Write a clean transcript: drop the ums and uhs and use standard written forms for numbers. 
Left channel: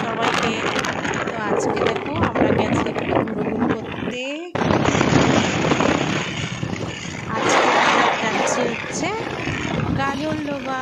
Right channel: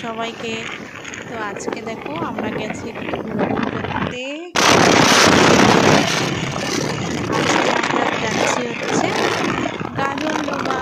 সবাইকে। তো আজকে দেখো আমরা গেছি একটু ঘুরঘুর করতে। আজকে আমরা যাচ্ছি হচ্ছে গাজলডোবা।